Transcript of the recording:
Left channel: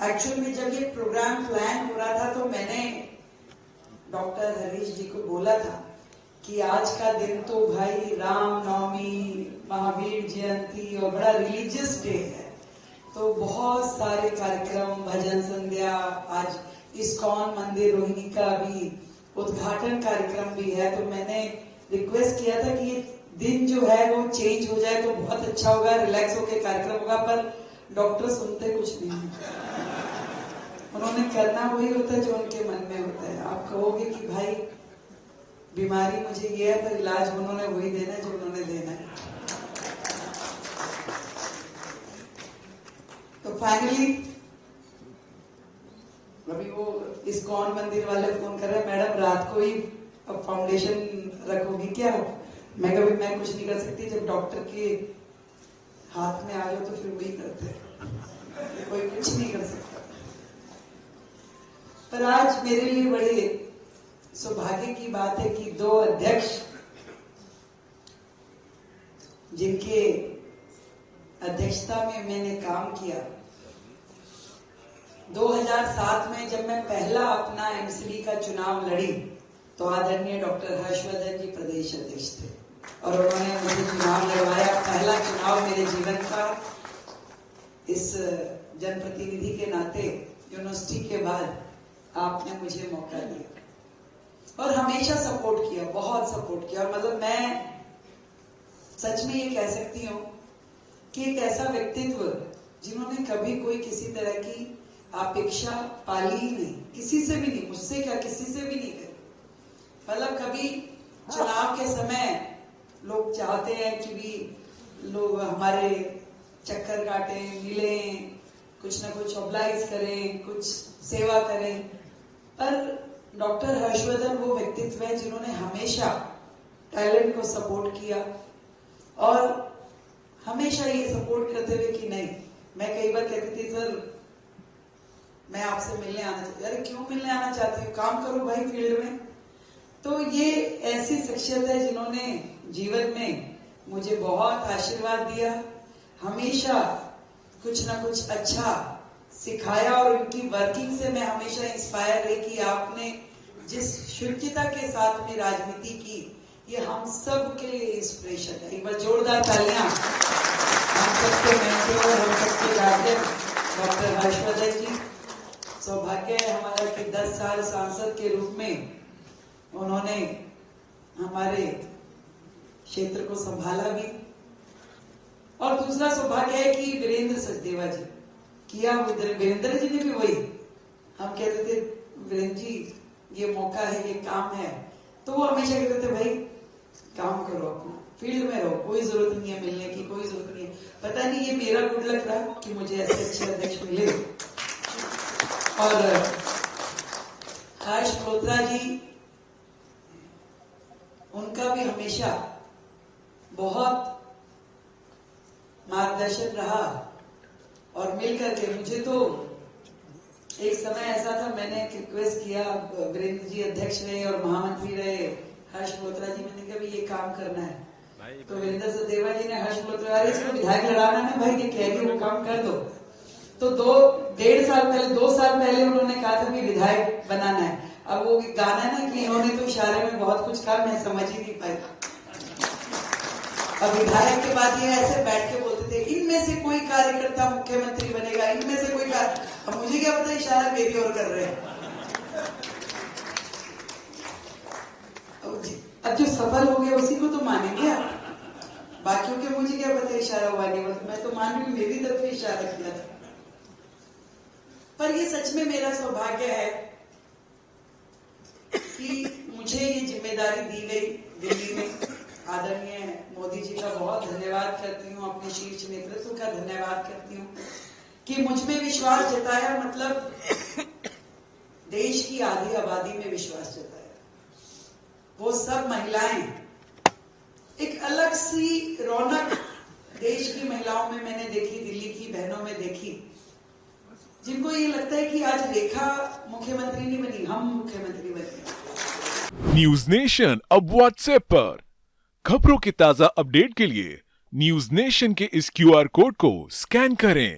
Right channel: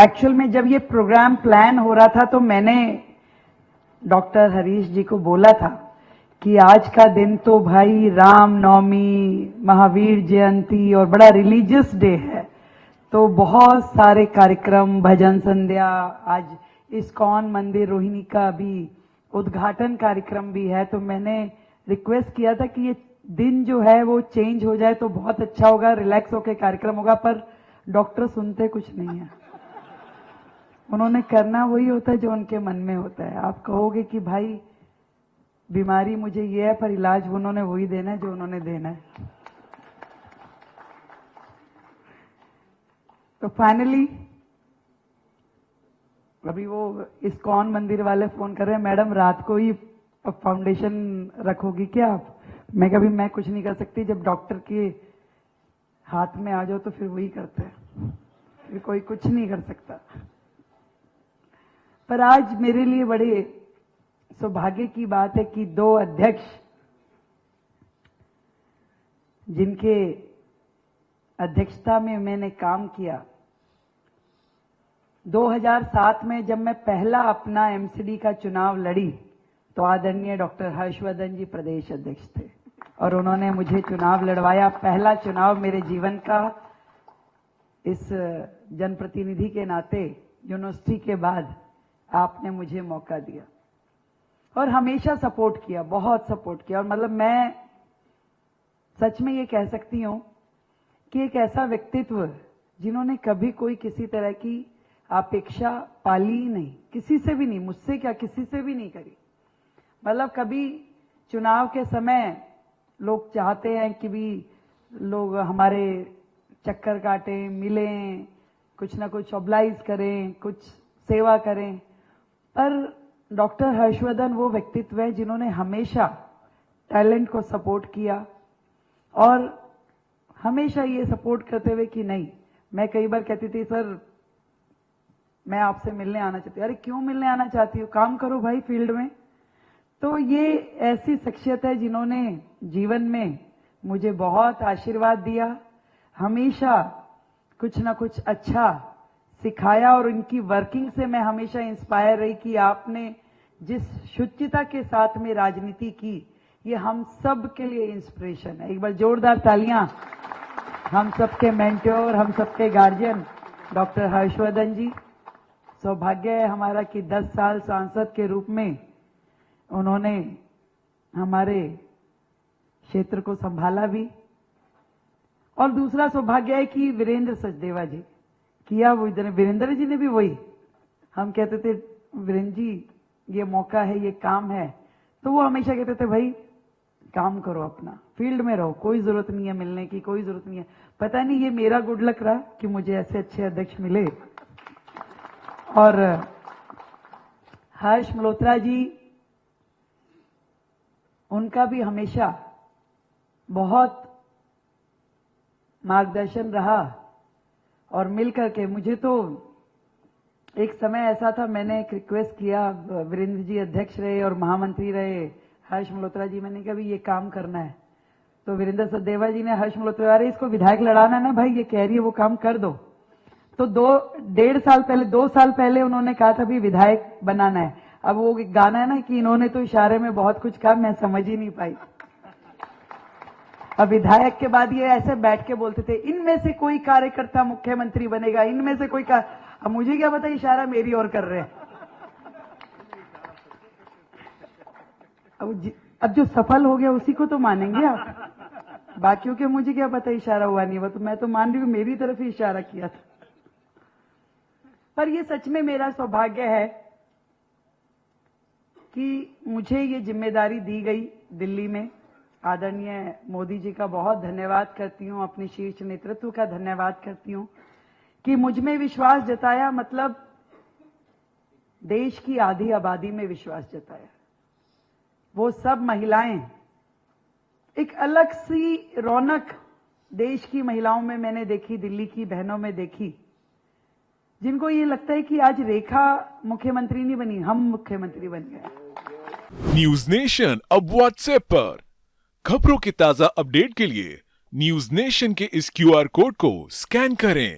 Actual में जब ये प्रोग्राम प्लान हो रहा था तो मैंने डॉक्टर हरीश जी को बोला था कि आज का दिन तो भाई राम नवमी, महावीर जयंती और बड़ा रिलीजियस डे है, तो बहुत सारे कार्यक्रम, भजन संध्या, आज इस्कॉन मंदिर रोहिणी का भी उद्घाटन कार्यक्रम भी है, तो मैंने रिक्वेस्ट किया था कि ये दिन जो है वो चेंज हो जाए तो बहुत अच्छा होगा, रिलैक्स होकर कार्यक्रम होगा। पर डॉक्टर सुनते कुछ नहीं है, उन्होंने करना वही होता है जो उनके मन में होता है। आप कहोगे कि भाई बीमारी मुझे ये है, पर इलाज उन्होंने वही देना है जो उन्होंने देना है। तो फाइनली अभी वो इस्कॉन मंदिर वाले फोन कर रहे हैं, मैडम रात को ही फाउंडेशन रखोगी क्या? मैं कभी मैं कुछ नहीं कर सकती, जब डॉक्टर के हाथ में आ जाओ तो फिर वही करते हैं, कोई कुछ नहीं कर सकता। पर आज मेरे लिए बड़े सौभाग्य की बात है कि दो अध्यक्ष जिनके अध्यक्षता में मैंने काम किया, 2007 में जब मैं पहला अपना एमसीडी का चुनाव लड़ी तो आदरणीय डॉक्टर हर्षवर्धन जी प्रदेश अध्यक्ष थे और उन्होंने मुझे चुनाव लड़वाया, पहला चुनाव मेरे जीवन का। इस जनप्रतिनिधि के नाते यूनिवर्सिटी के बाद आपने मुझे मौका दिया और हमेशा सपोर्ट किया, बहुत सपोर्ट किया। और मतलब मैं सच में ये कह सकती हूँ कि एक ऐसा व्यक्तित्व जिन्होंने कभी कोई किसी तरह की अपेक्षा पाली ही नहीं, किसी से भी नहीं, मुझसे क्या किसी से भी नहीं करी। मतलब कभी चुनाव के समय लोग चाहते हैं कि भी लोग हमारे चक्कर काटें, मिलें, कुछ ना कुछ ऑब्लाइज करें, कुछ सेवा करें, पर डॉक्टर हर्षवर्धन वो व्यक्तित्व है जिन्होंने हमेशा टैलेंट को सपोर्ट किया और हमेशा ये सपोर्ट करते हुए कि नहीं, मैं कई बार कहती थी सर मैं आपसे मिलने आना चाहती हूँ। अरे क्यों मिलने आना चाहती हूँ, काम करो भाई फील्ड में। तो ये ऐसी शख्सियत है जिन्होंने जीवन में मुझे बहुत आशीर्वाद दिया, हमेशा कुछ ना कुछ अच्छा सिखाया और उनकी वर्किंग से मैं हमेशा इंस्पायर रही कि आपने जिस शुचिता के साथ में राजनीति की, ये हम सब के लिए इंस्पिरेशन है। एक बार जोरदार तालियां हम सबके मेंटोर, हम सबके गार्जियन डॉक्टर हर्षवर्धन जी। सौभाग्य है हमारा कि 10 साल सांसद के रूप में उन्होंने हमारे क्षेत्र को संभाला भी। और दूसरा सौभाग्य है कि वीरेंद्र सचदेवा जी किया, वो इधर वीरेंद्र जी ने भी वही, हम कहते थे वीरेंद्र जी ये मौका है, ये काम है, तो वो हमेशा कहते थे भाई काम करो, अपना फील्ड में रहो, कोई जरूरत नहीं है मिलने की, कोई जरूरत नहीं है। पता नहीं ये मेरा गुड लक रहा कि मुझे ऐसे अच्छे अध्यक्ष मिले। और हर्ष मल्होत्रा जी, उनका भी हमेशा बहुत मार्गदर्शन रहा और मिलकर के मुझे तो एक समय ऐसा था, मैंने रिक्वेस्ट किया, वीरेंद्र जी अध्यक्ष रहे और महामंत्री रहे हर्ष मल्होत्रा जी, मैंने कहा ये काम करना है, तो वीरेंद्र सचदेवा जी ने हर्ष मल्होत्रा, अरे इसको विधायक लड़ाना ना भाई, ये कह रही है वो काम कर दो। तो 2 साल पहले उन्होंने कहा था भी विधायक बनाना है। अब वो गाना है ना कि इन्होंने तो इशारे में बहुत कुछ कहा, मैं समझ ही नहीं पाई। अब विधायक के बाद ये ऐसे बैठ के बोलते थे इनमें से कोई कार्यकर्ता मुख्यमंत्री बनेगा, इनमें से कोई अब मुझे क्या पता इशारा मेरी ओर कर रहे हैं। अब जो सफल हो गया उसी को तो मानेंगे आप, बाकियों के मुझे क्या पता इशारा हुआ नहीं हुआ, तो मैं तो मान रही हूँ मेरी तरफ ही इशारा किया था। पर ये सच में मेरा सौभाग्य है कि मुझे ये जिम्मेदारी दी गई दिल्ली में। आदरणीय मोदी जी का बहुत धन्यवाद करती हूँ, अपने शीर्ष नेतृत्व का धन्यवाद करती हूँ कि मुझ में विश्वास जताया, मतलब देश की आधी आबादी में विश्वास जताया। वो सब महिलाएं, एक अलग सी रौनक देश की महिलाओं में मैंने देखी, दिल्ली की बहनों में देखी, जिनको ये लगता है कि आज रेखा मुख्यमंत्री नहीं बनी, हम मुख्यमंत्री बन गए। न्यूज नेशन अब व्हाट्सएप पर खबरों की ताजा अपडेट के लिए न्यूज नेशन के इस क्यूआर कोड को स्कैन करें